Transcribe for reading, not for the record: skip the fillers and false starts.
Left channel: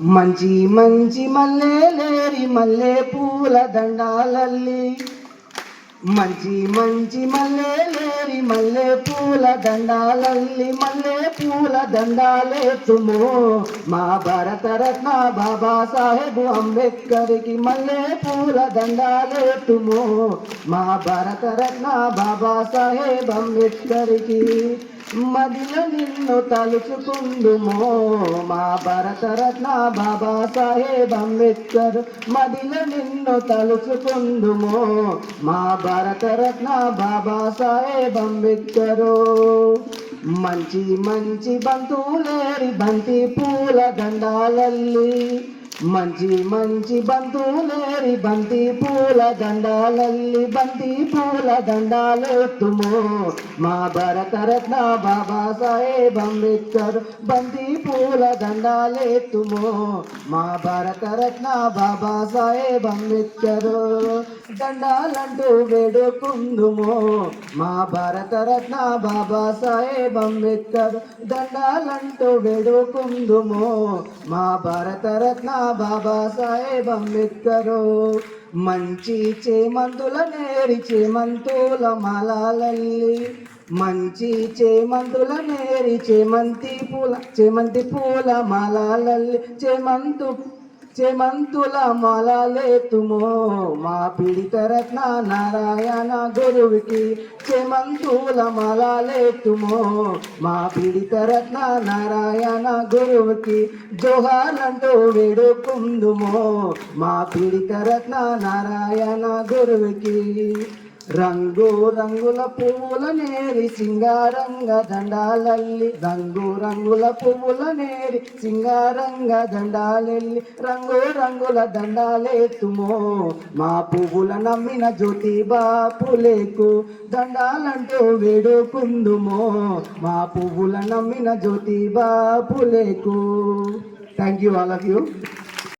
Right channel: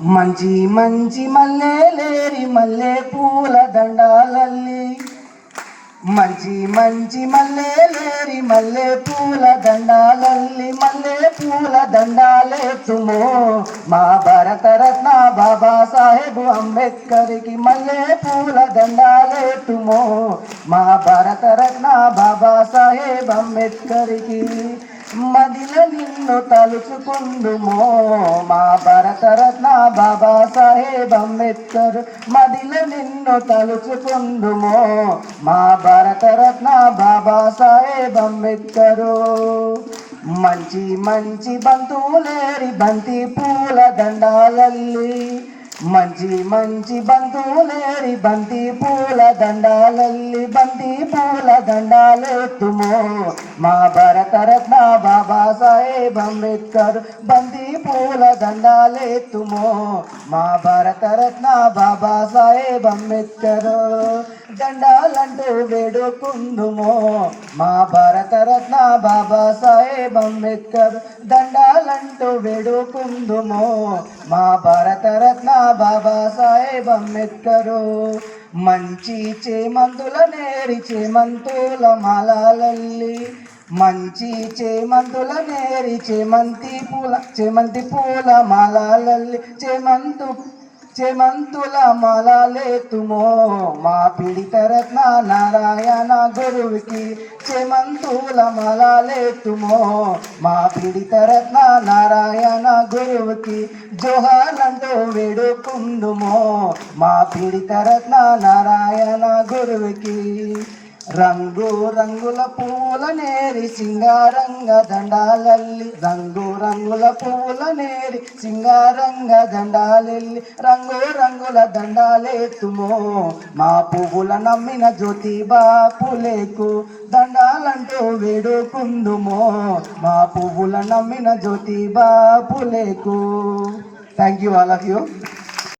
మంచి మంచి మల్లెలేరి మల్లె పూల దండాలల్లి మంచి మంచి మల్లెలేరి మల్లె పూల దండాలల్లి మల్లె పూల దండాలేతుమో మా భారతరత్న బాబా సాహెబ్ అంబేద్కర్కి మల్లె పూల దండాలేతుమో మా భారతరత్న బాబా సాహెబ్ అంబేద్కర్కి మదిలో నిన్ను తలుచుకుందుమో మా భారతరత్న బాబా సాహెబ్ అంబేద్కర్ మదిలో నిన్ను తలుచుకుందుమో మా భారతరత్న బాబా సాహెబ్ అంబేద్కరు మంచి మంచి బంతులేరి బంతి పూల దండాలల్లి మంచి మంచి బంతులేరి బంతి పూల దండాలల్లి బంతి పూల దండాలెత్తుమో మా భారతరత్న బాబా సాహెబ్ అంబేద్కర్ బంతి పూల దండాలెత్తుమో మా భారతరత్న బాబా సాహెబ్ అంబేద్కర్ దండాలంటూ వేడుకుందుమో మా భారతరత్న బాబా సాహెబ్ అంబేద్కర్ దండాలంటూ వేడుకుందుమో మా భారతరత్న బాబా సాహెబ్ అంబేద్కర్ మంచి చేమంతుల నేరి చేమంతుల మాలలల్లి మంచి చేమంతుల నేరి చేమంతి పూల మాలలల్లి చేమంతుల మాలలేతుమో మా పీడితరత్న నారాయణ గురువుకి చేమంతుల మాలలేతుమో మా పీడితరత్న నారాయణ గురువుకి జోహార్లంటూ వేడుకుందుమో మా పీడితరత్న నారాయణ గురువుకి రంగు రంగుల పువ్వుల నేరి సింగారంగ దండాలల్లి రంగు రంగుల పువ్వుల నేరి సింగారంగ దండాలెల్లి రంగు రంగుల దండాలెత్తుమో మా పువ్వుల నమ్మిన జ్యోతిబా పులేకు దండాలంటూ వేడుకుందుమో మా పువ్వుల నమ్మిన జ్యోతిబా పులేకు. Thank you all of you.